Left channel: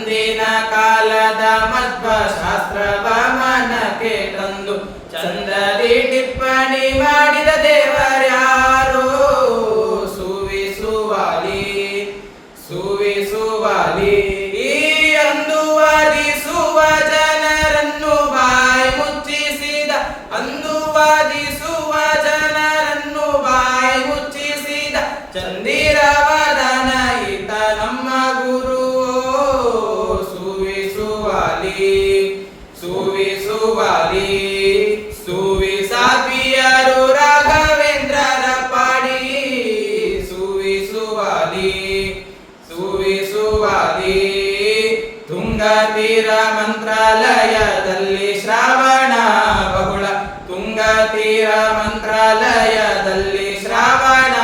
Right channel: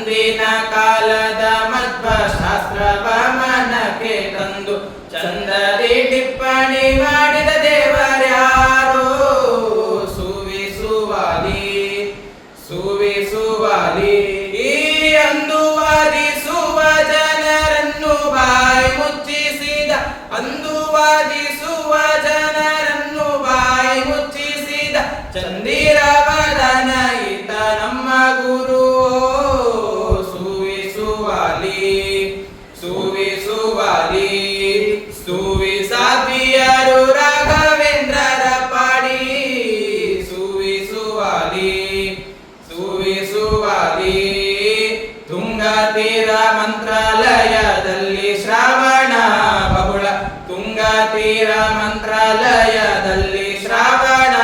ಅಂದಿನ ಕಾಲದ ಮಧ್ವ ಶಾಸ್ತ್ರವ ಮನಕ್ಕೆ ತಂದು ಚಂದದಿ ಟಿಪ್ಪಣಿ ಮಾಡಿದ ದೇವರ್ಯಾರೋ ಸುವಿಸುವಾಲಿ ಸುವಿಸುವಾಲಿ. ಈ ಅಂದು ವಾದಿಸುವ ಜನರನ್ನು ಬಾಯಿ ಮುಚ್ಚಿಸಿದ, ಅಂದು ವಾದಿಸುವ ಜನರನ್ನು ಬಾಯಿ ಮುಚ್ಚಿಸಿದ ಚಂದಿರವದನ ಈತ ನಮ್ಮ ಗುರು ಸುವಿಸುವಾಲಿ ಸುವಿಸುವಾಲಿ. ಸುವಿಸಾದ್ವಿಯರು ರಾಘವೇಂದ್ರರ ಪಾಡಿ ಸುವಿಸುವಾಲಿ ಸುವಿಸುವಾಲಿ. ತುಂಗತೀರ ಮಂತ್ರಾಲಯದಲ್ಲಿ ಶ್ರಾವಣ ಬಹುಳ, ತುಂಗತೀರ ಮಂತ್ರಾಲಯದಲ್ಲಿ ಶ್ರಾವಣ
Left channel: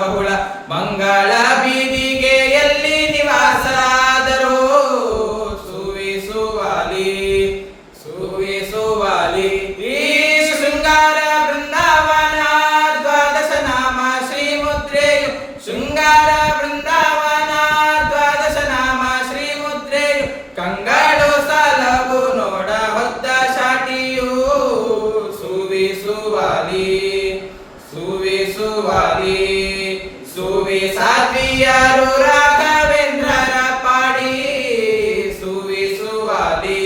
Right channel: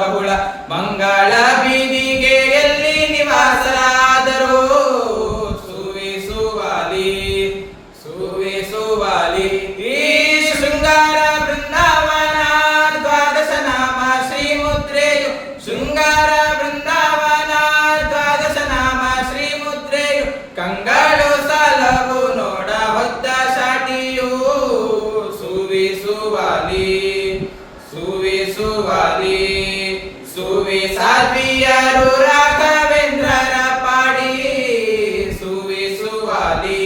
ಬಹುಳ. ಮಂಗಳ ಬೀದಿಗೆ ಎಲ್ಲಿ ನಿವಾಸರಾದರೂ ಸುವಿಸುವಾಲಿ ಸುವಿಸುವಾಲಿ. ಈ ಶೃಂಗಾರ ಬೃಂದಾವನ ದ್ವಾದಶ ನಾಮ ಶ್ರೀಮುದ್ರೆಯು, ಶೃಂಗಾರ ಬೃಂದಾವನ ದ್ವಾದಶ ನಾಮ ಶ್ರೀಮುದ್ರೆಯು. ಕಂಗಳು ಸಲವು ನೋಡ ಹೊತ್ತ ಶಾಟಿಯು ಸುವಿಸುವಾಲಿ ಸುವಿಸುವಾಲಿ. ಸುವಿಸಾದ್ವಿಯರು ರಾಘವೇಂದ್ರರ ಪಾಡಿ ಸುವಿಸುವಾಲಿ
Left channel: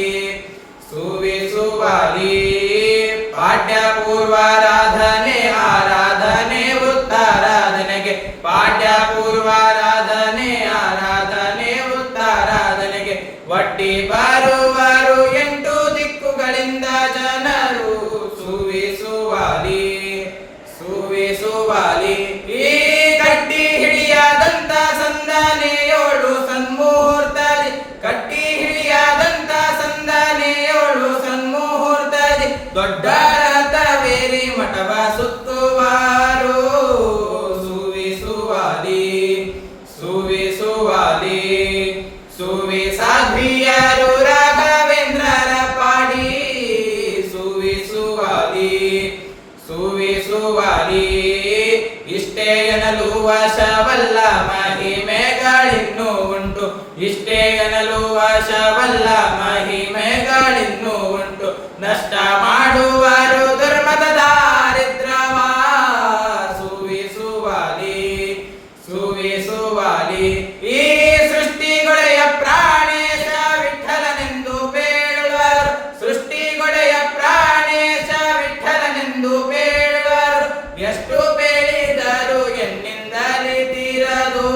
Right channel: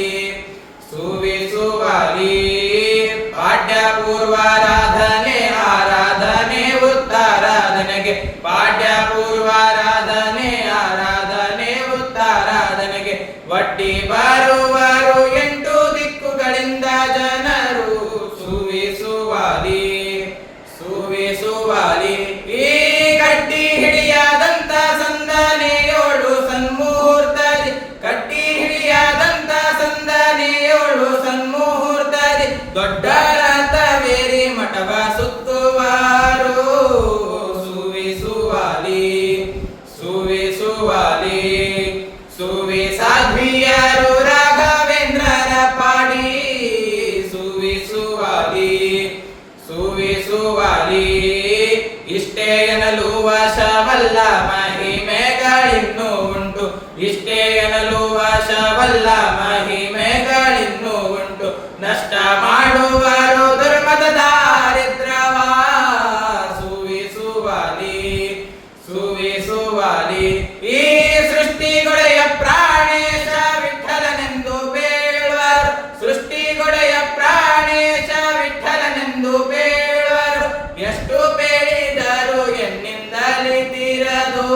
ಸುವಿಸುವಾಲಿ. ಪಾಠ್ಯ ಪೂರ್ವಾರಾಧನೆ ಆರಾಧನೆ ಉತ್ತಾರಾಧನೆಗೆ, ಪಾಠ್ಯ ಪೂರ್ವಾರಾಧನೆ ಆರಾಧನೆ ಉತ್ತಾರಾಧನೆಗೆ ಒಡ್ಡಿ ಬರುವರು 8 ದಿಕ್ಕುಗಳಿಂದ ಜನರು ಸುವಿಸುವಾಲಿ ಸುವಿಸುವಾಲಿ. ಈ ಕಟ್ಟಿ ಹಿಡಿಯಾದಂತ ಸಂದನೆಯೋಳು ಸನ್ಮುಹೂರ್ತದಿ, ಕಟ್ಟಿ ಹಿಡಿಯಾದಂತ ಸಂದನೆಯೋಳು ಸನ್ಮುಹೂರ್ತದಿ ದೊಡ್ಡರಥವೇರಿ ಮಠವ ಸುತ್ತುವಾರು ಸುವಿಸುವಾಲಿ ಸುವಿಸುವಾಲಿ. ಸುವಿಸಾದ್ವಿಯರು ರಾಘವೇಂದ್ರರ ಪಾಡಿ ಸುವಿಸುವಾಲಿ ಸುವಿಸುವಾಲಿ. ಇಷ್ಟೇ ಎನ್ನಲು ವಶವಲ್ಲ ಮಹಿಮೆಗಳಿನ್ನೂ ಉಂಟು, ಇಷ್ಟೇ ಎನ್ನಲು ವಶವಲ್ಲ ಮಹಿಮೆಗಳಿನ್ನೂ ಉಂಟು. ನಷ್ಟ ಮಾಡುವರು ಧರ್ಮದ ದಾರಿದ್ರ್ಯವ ಸುವಿಸುವಾಲಿ ಸುವಿಸುವಾಲಿ. ಈ ಸೃಷ್ಟಿಗೊಡೆಯ ಪ್ರಾಣೇಶ ವಿಠಲನೆಂದು ಬೇಳುವರು, ಸೃಷ್ಟಿಗೊಡೆಯ ಪ್ರಾಣೇಶ ವಿಠಲನೆಂದು ಬೇಳುವರು. ಎಷ್ಟು ಬೇಡಿದರು ಎನ್ನಿಂದಲೇ ತೀರದು